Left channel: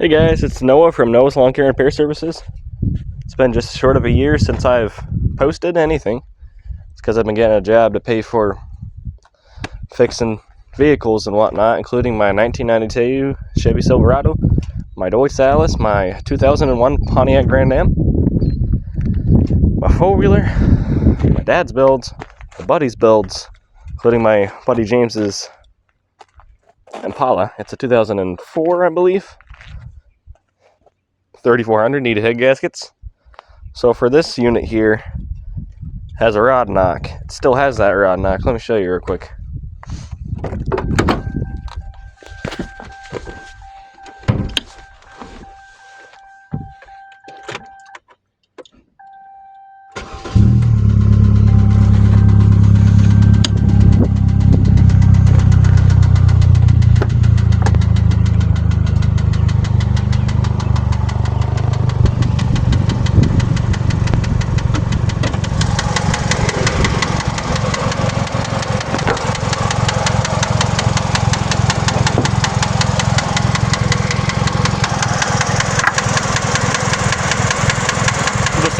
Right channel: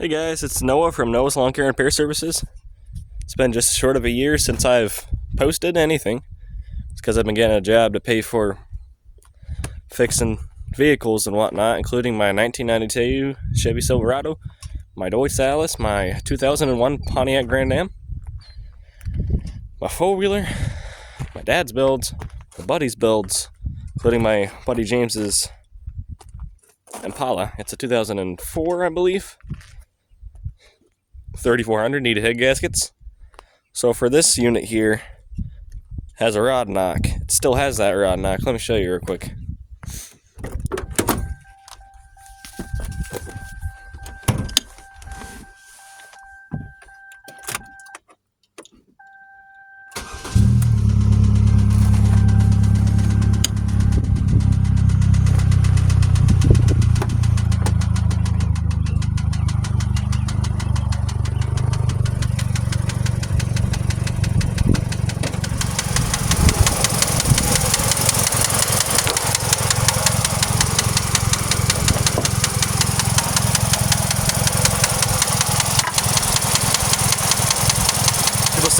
Hey guys, it's Noah from Noah's Lawn Care and Repair Services. It's been just short of a year since I've posted anything. It's because I've been getting a job to pay for fixing vehicles and whatnot, including my 1992 Chevy Silverado, my Dodge Salis, my 2001 Pontiac Grand Am, my four-wheeler, my dad's builds, my buddy's builds, including my buddy James's Impala. It's a 2004, I believe. 3400 needed head gaskets. So for this unit here, has a rod knock. It still has that rod knock. Let me show you real quick.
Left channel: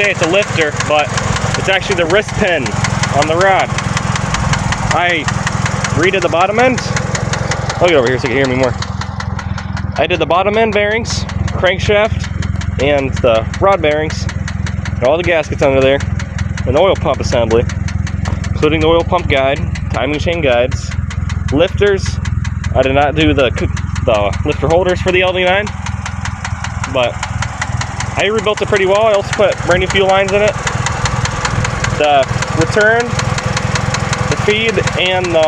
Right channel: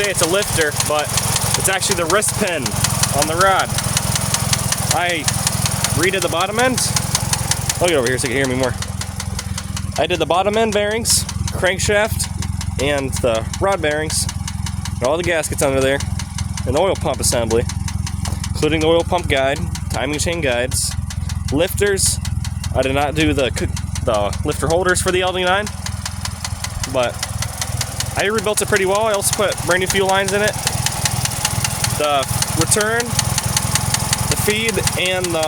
It's a lifter, but it's actually the wrist pin on the rod. I redid the bottom end. I'll get over here so you can hear me more. I did the bottom end bearings, crankshaft, and the rod bearings, and all the gaskets under there, an oil pump assembly, including the oil pump guide, timing chain guides, lifters. I did not do the lifter holders for the ld9, but I rebuilt it pretty well. I also put brand new fuel lines in it. The return, the feed, and the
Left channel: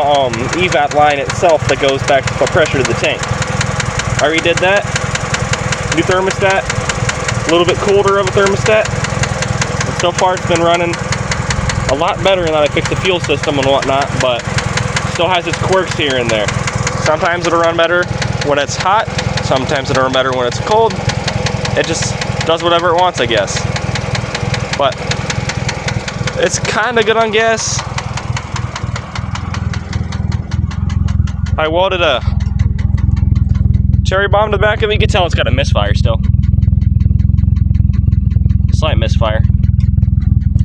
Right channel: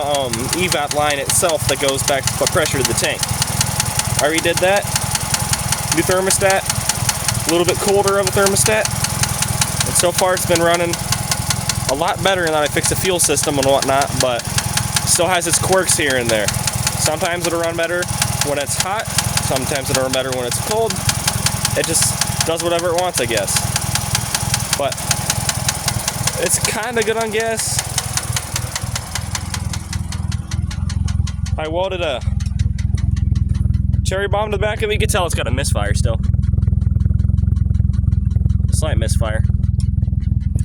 evap line itself that goes back to put pressure to the tank. I redid that. New thermostat. A little bit colder of a thermostat. And so far it's been running a lot better now that I fixed the fuel system and whatnot, but still has its quirks here and there. Sometimes it'll run better when it's hot. Sometimes it'll run better when it's cold. It just does whatever it wants, I guess. But it's kind of good on gas. I welded a cherry bomb to the back of it. You can tell it's got a misfire still. Slight misfire.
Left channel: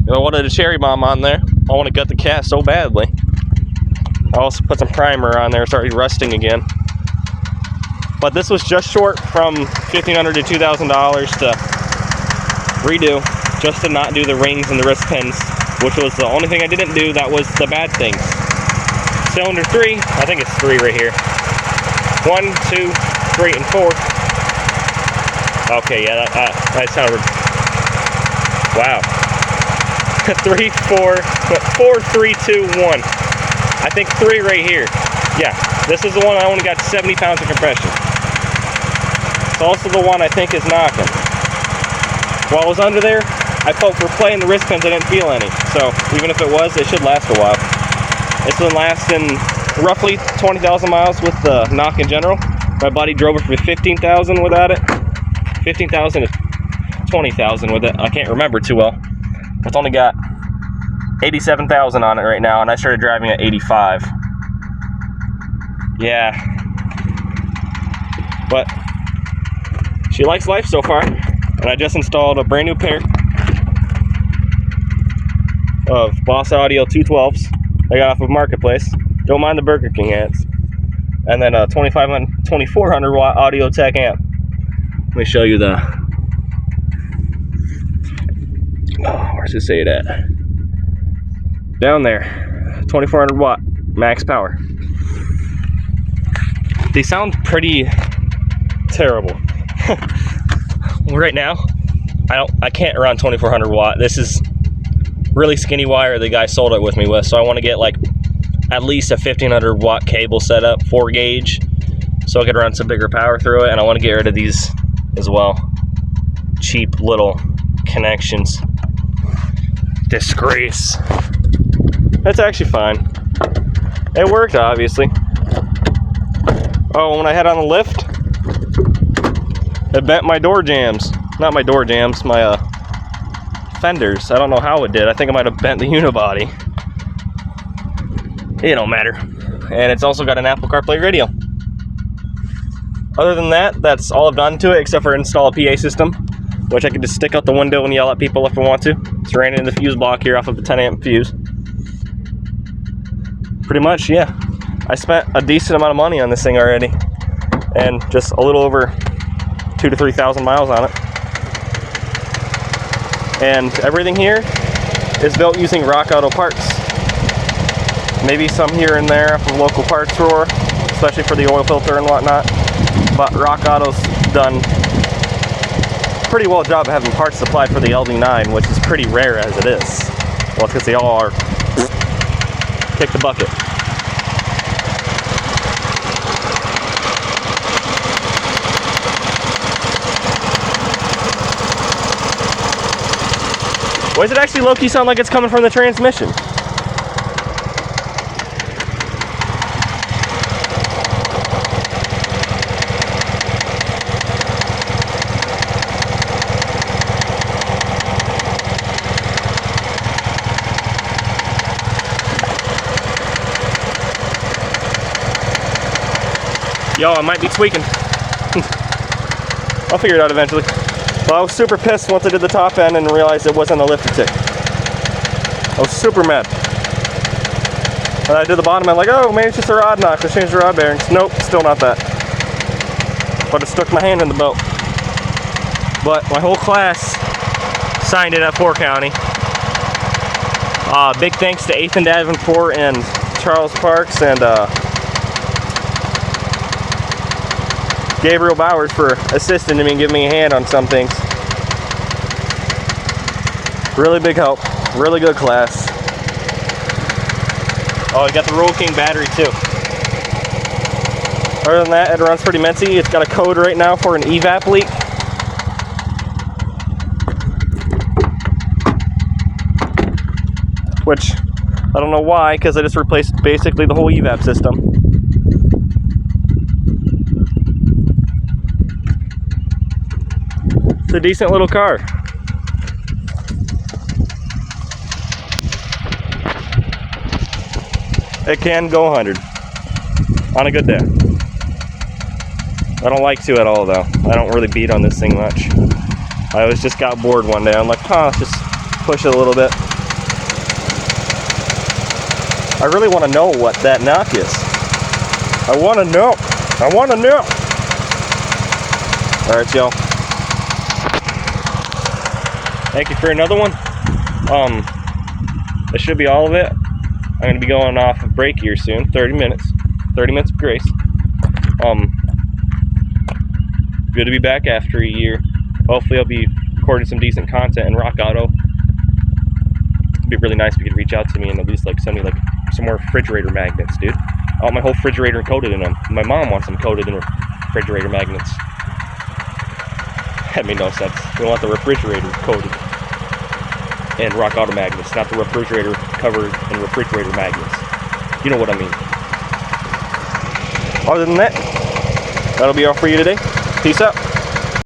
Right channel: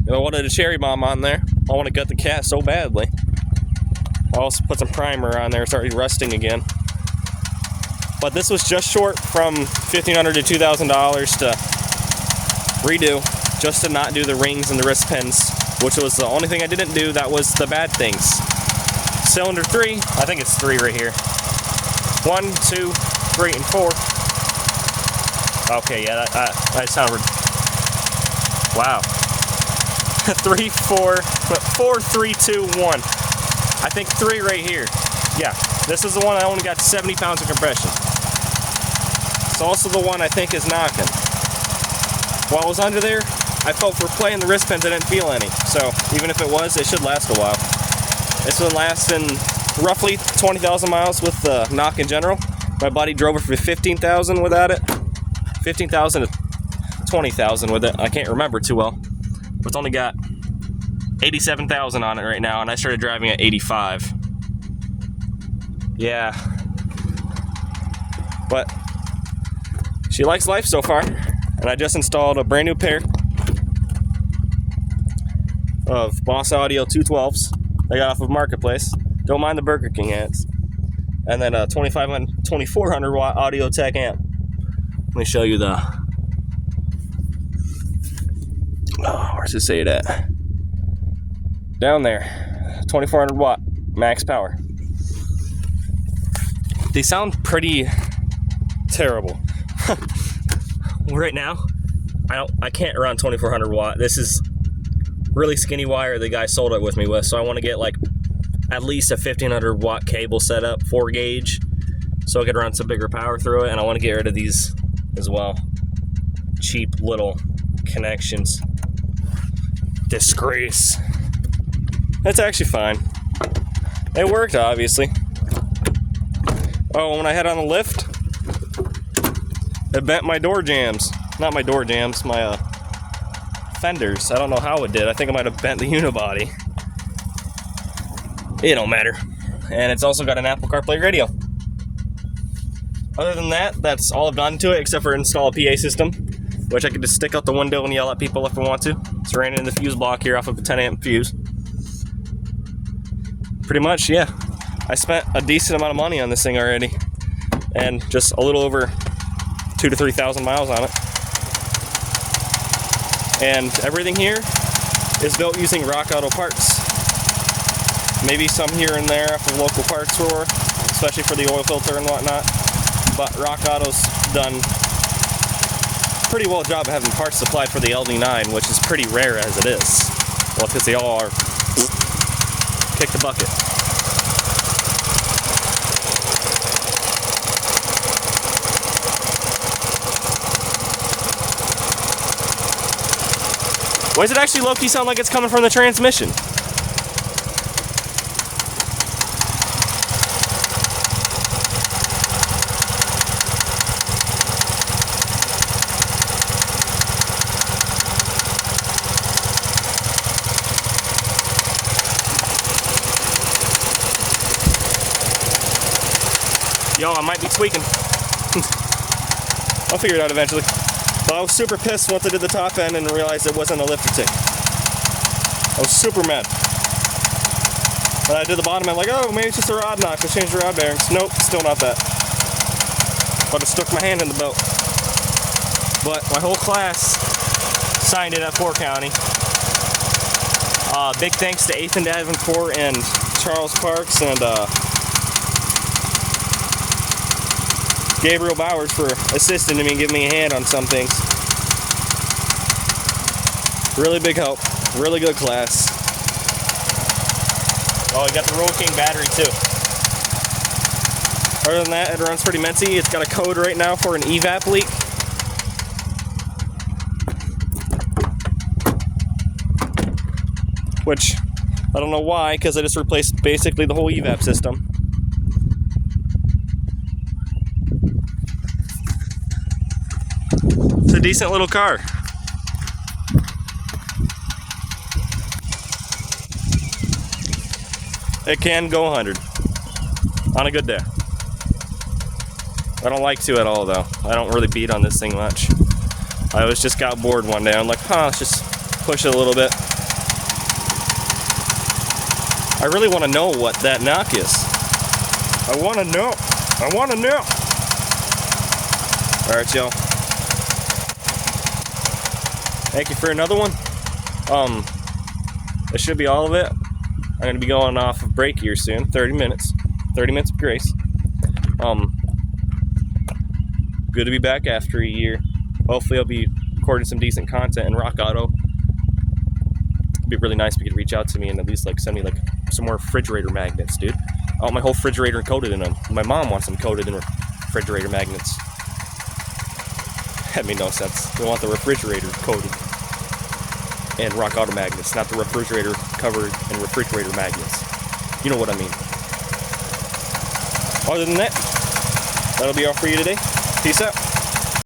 And I welded a cherry bomb on there. I want to gut the cat so badly. I also put some primer on there. It's already rusting again. But this was just short from $1,500 to $2,000 to redo, just to not do the rings and the wrist pins, which was the only thing I didn't do. That was the bad things. Cylinder 3, I think it's 3 right here. 1, 2, 3, and 4. Okay, yeah, that sounded, wow. 3, 4, 3, 2, 1. I think 3 right here. Yeah, this is the one I only got 70 pounds of compression. It's also the one I think is knocking. While I was under there, I felt for playing the wrist pins, I didn't feel any. So even if it was, it should last a while. This one lasts in roughly 20,000 miles with the knock in general. My buddy drove it for 15,000 without it. 15,000 to 20,000 with it. I can't remember too well. It's only got 87,000 on it right now, and I started driving at 85. Yeah. But she likes life so far. And I just installed a brand new pair of Boss Audio 212s I got off of Marketplace. Don't mind the Burger King ads. And then a 2400 watt Audio Tech amp. Let me show you the, where's it say it at? Down there, 2400 watt max power. They sound pretty terrible. Right now, I can't run 2400 watt. This is really skinny wire the guy sold it with me with, so I want to get like at least a 1500 watt cable set up, 4 gauge, so I could run some bigger power through it. And I want to get rid of these as well. Cheap little connections. Disgrace. That's actually fine. It worked, obviously. Oh, when I had on the lift, it bent my door jams. Not my door jams, my fenders. I don't know how it did. I think I might have bent the unibody. It don't matter. And it's also got an Apple CarPlay radio. Other than that, that's all I've done to it, except for install a PA system, which I can just stick out the window and yell at people if I want to. It's ran in the fuse block here off of the 10 amp fuse. Pretty much, yeah. I spent a decent amount of money on this thing already, and just a little over 2,000 to 3,000 miles on it. And everything here is built using Rock Auto parts. Maybe some here and there off of local parts store, especially for the oil filter and whatnot. But Rock Auto's done a pretty well job of having parts supplied for the ld9, which is pretty rare as it is. Well, because they all are kick the bucket. Why does it actually low-key sound like it's coming from the transmission? Yo, I might be tweaking. I'll figure it out eventually. But I was super pissed once I did the top end and realized it wasn't a lifter tick. I was super mad. When I did the bottom end, like, oh, maybe it's just a rod knock. Let's change the rod bearings. Nope, still not that. But it stuck my hand in the boat. But my whole class signed it at 4 County. Big thanks to Ethan Davenport and Charles Parks and Gabriel Bowers for assisting me and giving me a hand on some things. Really big help. Really good class. Oh, you got the Roll King battery too. Other than that, it runs pretty minty. It's got a code right now for an evap leak. Which, I don't know why, because I just replaced basically the whole evap system. It's a decent little car. It can go 100 on a good day. I don't like to at all though. I don't really beat on this thing much. I just got bored one day. I'm like, let's just push it a little bit. I really want to know what that knock is. I want to know. I want to know. All right, y'all. Thank you for another one. This should be all of it. I'm gonna be going off of break here soon. 30 minutes. 30 minutes of grace. Good to be back after a year. Hopefully I'll be recording some decent content in Rock Auto. It'd be really nice if you could reach out to me and at least like send me like some more refrigerator magnets, dude. I want my whole refrigerator coated in them. My mom wants them coated in refrigerator magnets. That made no sense. We want the refrigerator coated in Rock Auto magnets, not the refrigerator covered in refrigerator magnets. You know what I mean. Other than that, that'll be all for you today. Peace out.